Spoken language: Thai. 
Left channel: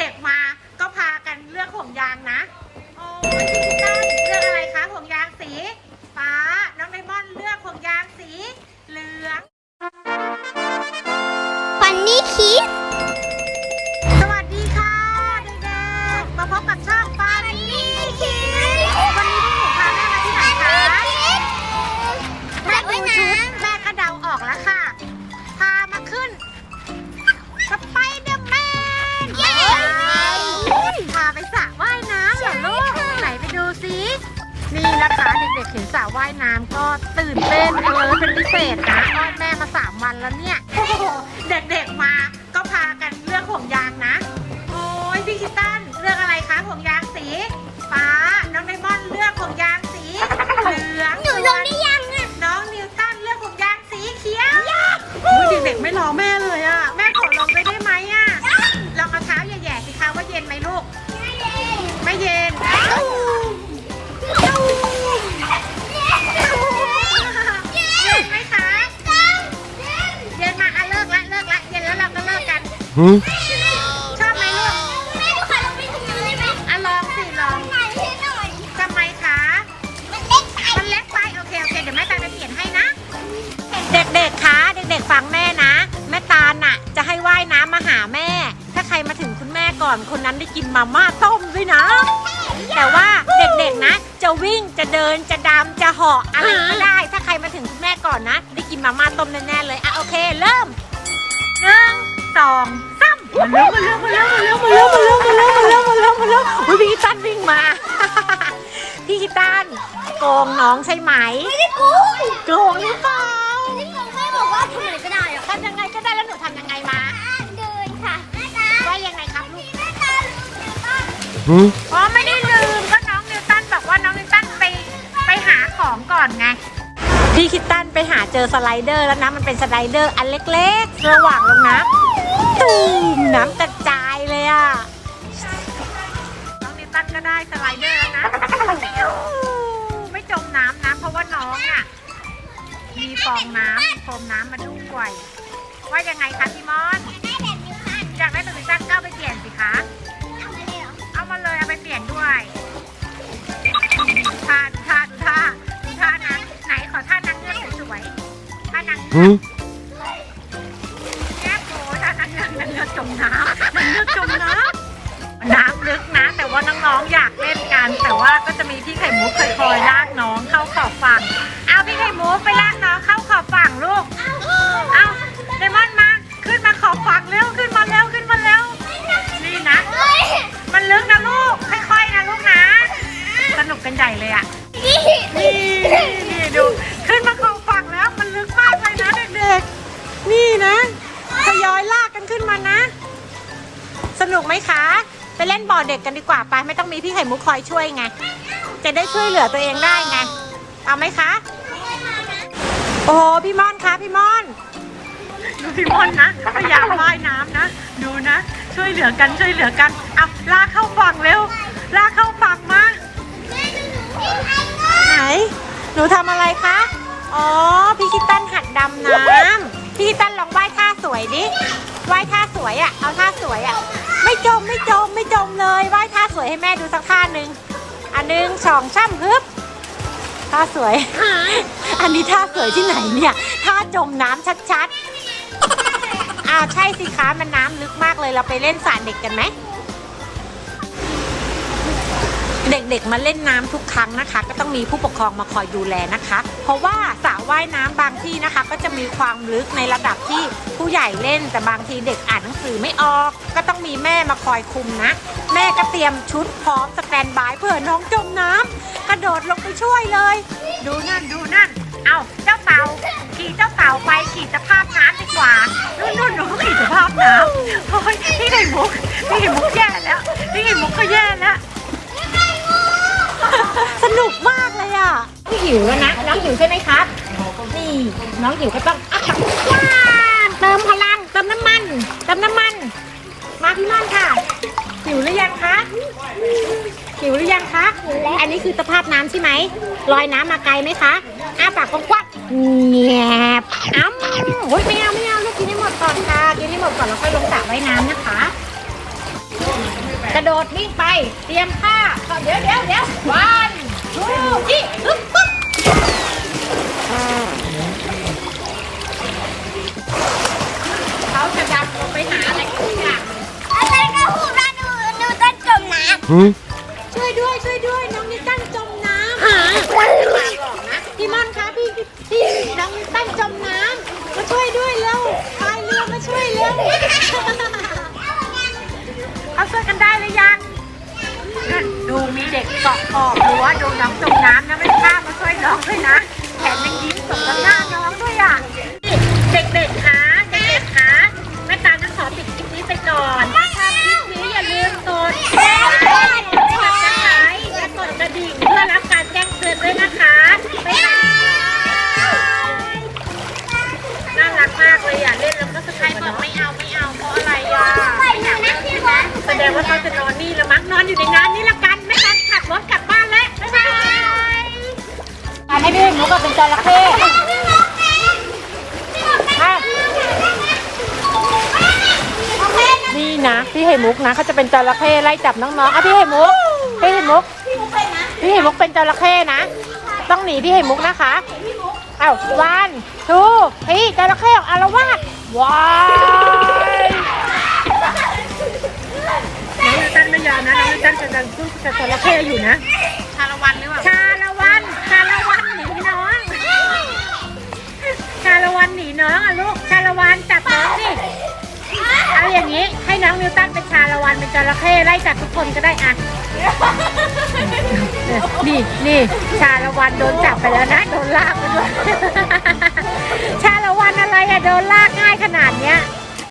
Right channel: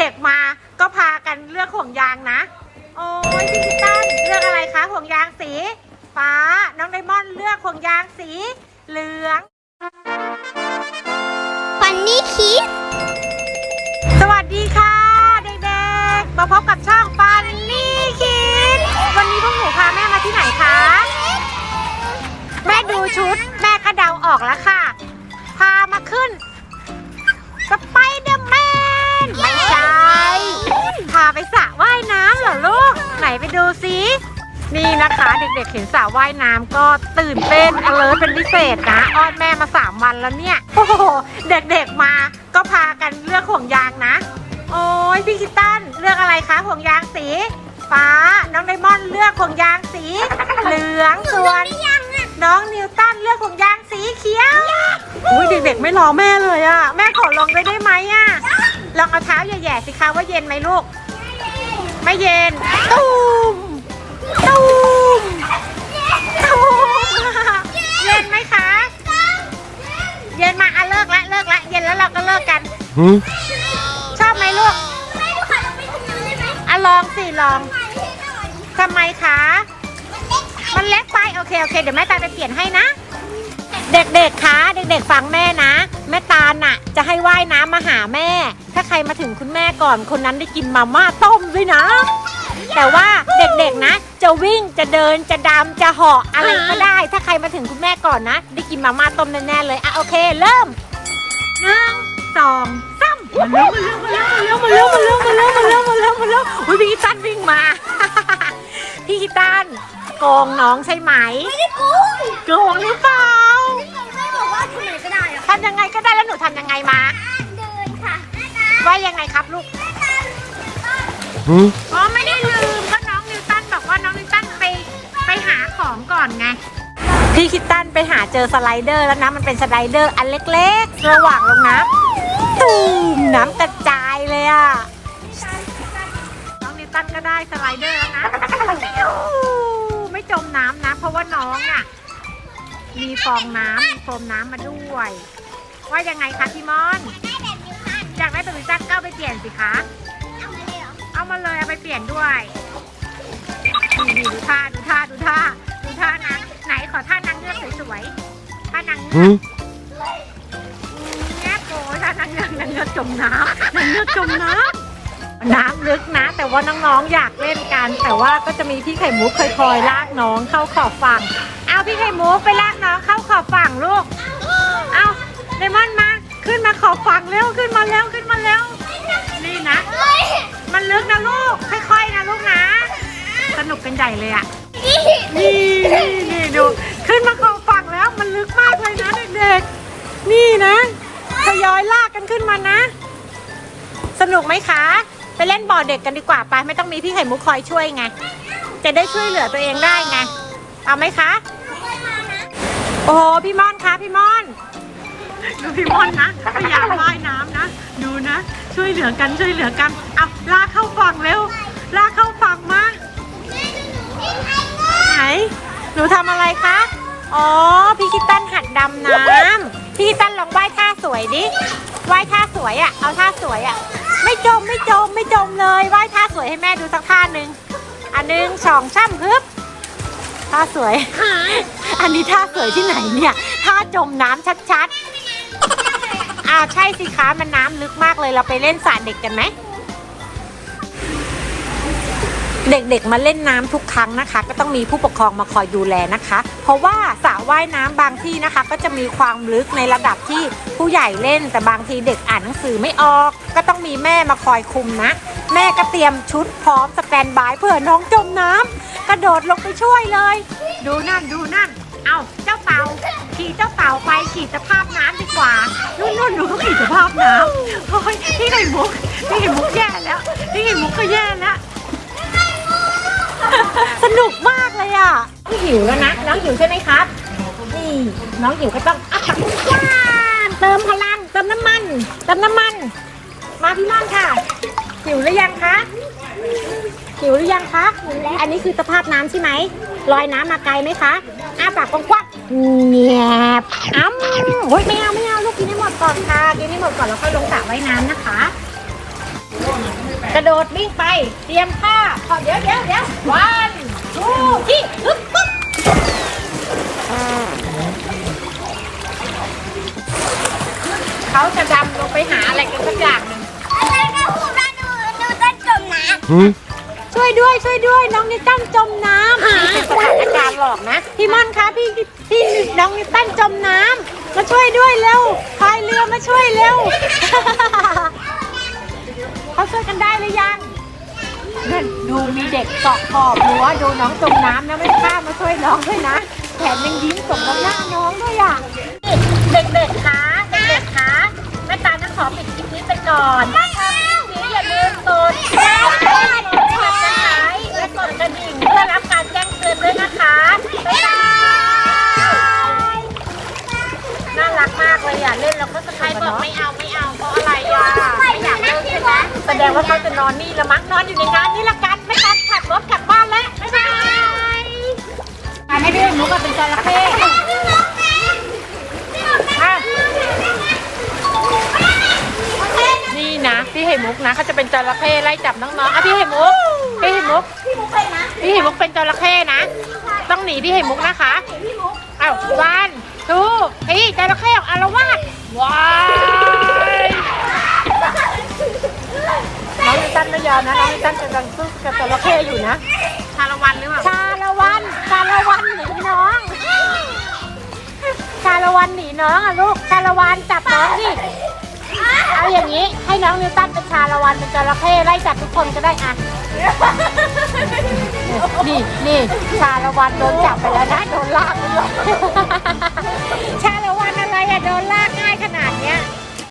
ด็กๆมา นี่นะคะเด็กๆเห็นสระว่ายน้ำก็ตื่นเต้นเออเป็นพิเศษนะอ้อนแม่มาสามวันแล้วเนี่ยโอ้โหเด็กๆมาก็พากันเลือกห่วงยางนะ โอ้ยพี่คิตตันเลือกอะไรคะห่วงยางสีฟ้าน้องไดมอนด์เลือกห่วงยางสีเหลืองส่วนน้องนิวตันเลือกห่วงยางสีเขียวอุ้ยเด็กๆไม่รอแม่เลยอะแม่ขอลงได้ได้ไหมอะลองเอาเท้าแย่ๆสิคะว่าเย็นไหมลูก ไม่เย็นตูม กกัน Huh? ชอบไหมลูกแม่ดูขอลงไปตรงนู้นได้ไหมอะลองสิลองถ่ายให้หน่อยทำไมคะมันเล็กไปโอเคโอเค เดี๋ยวแม่ตาลไปเปลี่ยนให้นะ เด็กๆคะเด็กๆฟังแม่นะ แม่ตาลน่ะ จะให้ว่ายน้ำมาหาแม่ ถ้าใครมาถึงคุณแม่ก่อนคนนั้นได้กินมาม่าต้มด้วยนะ แต่ว่าเด็กๆนะ จะวิ่งจะเดินจะดำจะเหาะอะไรก็ได้ ถ้าใครมาถึงคุณแม่ก่อนนะ ได้กินมาม่าต้มแน่ๆเลยอะโอเค เริ่มหนึ่ง สองสามมาเร็วมาเร็วมาเร็วมาเร็วมาเร็วมาเร็วมาเร็วมาเร็วมาเร็วอุ้ยพี่กิตันวิ่งมาพี่กิตันโกงน้องใช่ไหมไม่ได้กูโกงหรือเปล่าไม่ได้กูแม่บอกว่าทำอะไรก็ได้อะทำยังไงก็ได้แล้วหนูทำยังไงมาเดินค่ะว่ายังไงครับลูก Huh? คิตตันไปหาเจอสไลเดอร์แล้วนะ มันเป็นสไลเดอร์อันเล็กๆ ระหว่างลงน้ำตูมน้ำกระจายเลยอะน้องนิวตันก็ได้สไลเดอร์แล้วนะปิ้วไม่จมน้ำนะ เพราะว่าน้องอะมีฟองน้ำมีโฟมน้ำมาด้วยว่ายังไงคะพี่มอนได้แบบนิ้วพันอยากได้แบบนิวตันก็เอาไปเปลี่ยนสิคะเอามาเลยเหรอเอามาเลยเอาไปเปลี่ยนด้วยดูท่าดูท่าดูท่า ๆท่านางเงือก Huh? แยกโอ้ท่านางเงือกนางเงือกจมน้ำนางเงือกจมน้ำน้ำลึกนะ แต่ว่าน้องๆอยากเล่นกัน แต่ว่าก็จะมีพี่ไข่มุกคอยๆลากน้องเข้าขอบฝั่ง เอาพี่ไข่มุกไปลากน้องเข้าขอบฝั่งลูก เอาเดมอนมา ขึ้นมาขอบฝั่งเร็วขึ้นมาเร็วขึ้นมาเร็ว นี่นะเฮ้ยมันลึกนะลูก ค่อยๆนะลูกนะ สนุกกันใหญ่เลยอะ นี่นี่นี่นี่ดู นี่นะทยอยลากกันขึ้นมานะ สนุกไหมคะ ไปเล่นบ่อเด็กกันดีกว่าไปไม่ต้องมีพี่ไข่มุกคอยช่วยไง จะได้ช่วยเหลือตัวเองได้ไง เอาไหมคะ โอ้โหพี่ม่อนคะพี่ม่อนดูพี่ม่อนนะพยายามว่ายน้ำนะ ดูนะ ช่วยเหลือกันช่วยเหลือกันเอาลากเข้าฝั่งเร็ว ลากเข้าฝั่งมาไหนหนูทำอะไรคะ อ๋อ พี่คิตตันหัดดำน้ำ พี่ตั้นลองว่ายท่าสวยดิว่ายท่าสวยอะ่ะ เอาท่าสวยอะ่ะ ไม่จมไม่จมไม่จมเลยว่ายท่าสวยให้แม่ดูสักท่าหนึ่งอันหนึ่งสองช่ำฮึบท่าสวย อันนี้ท่าสวยที่ไหนเนี่ยท่าจมน้ำชัดๆอ้าวใช่สิคะมันน้ำลึกมากเลยเราไปเล่นสระเด็กกันไหม เด็กๆมาเล่นน้ำทุกครั้งนะคะ ก็ต้องมีผู้ปกครองมาคอยดูแลนะคะ เพราะว่าสระว่ายน้ำบางที่นะคะ ก็จะมีความลึกในระดับที่ผู้ใหญ่เล่น แต่บางทีเด็กอ่านหนังสือไม่ออก ก็ต้องมีแม่มาคอยคุมนะ แม่ก็เตรียมชุดพร้อมสแตนบายเผื่อน้องจมน้ำกระโดดลงไปช่วยเลย ดูนั่นดูนั่นเอาเจ้าเต่าขี่เจ้าเต่าไปขี่สภาพน้ำดีกว่านู่นนู่นหนูขี่สภาพน้ำพี่ไข่มุกพี่ไข่มุกแย่แล้วพี่ไข่มุกก็แย่แล้ว นุกมากเลยอะน้องหิวแล้วนะ น้องหิวใช่ไหมครับ นี่ น้องหิวก็ต้องอัพจักว้าเติมพลัง เติมน้ำมัน เติมน้ำมัน มาพี่ม่อนค่ะ หิวหรือยังคะ หิวหรือยังคะ อันนี้คือสภาพน้ำใช่ไหมลอยน้ำมาไกลไหมคะ อ้าปากกว้างๆแงบอ้ำโอ้ยไม่เอาไม่เอาลูกกินให้หมดก่อนค่ะ กินให้หมดก่อนแล้วค่อยลงสระว่ายน้ำนะคะกระโดดวิ่งไป เตรียมผ้าเดี๋ยวเดี๋ยวเดี๋ยววัน เขาจำหนูไปหาอะไรกันอย่างหนึ่งอะไรก็พูดว่าหนูหนูต้งจมน้ช่วยด้วยช่วยด้วยน้องนิตั้งจมน้ำไม่ตามหรอกนะ พี่ม่อนคะพี่พี่น้องนิตั้งจมน้ำมาช่วยด้วยเร็วไปเรือ ไล่จับน้องๆอะพี่ไข่มุกพี่ไข่มุกพี่มุกเป็นนะพี่ไข่มุกเป็นจระเข้นะ ต้องหนีพี่ไข่มุกนะคะพี่มุกอ้าววันทูพี่จระเข้อารวาสว้าวตั้นไม่ยอมนะตั้นจะดันสู้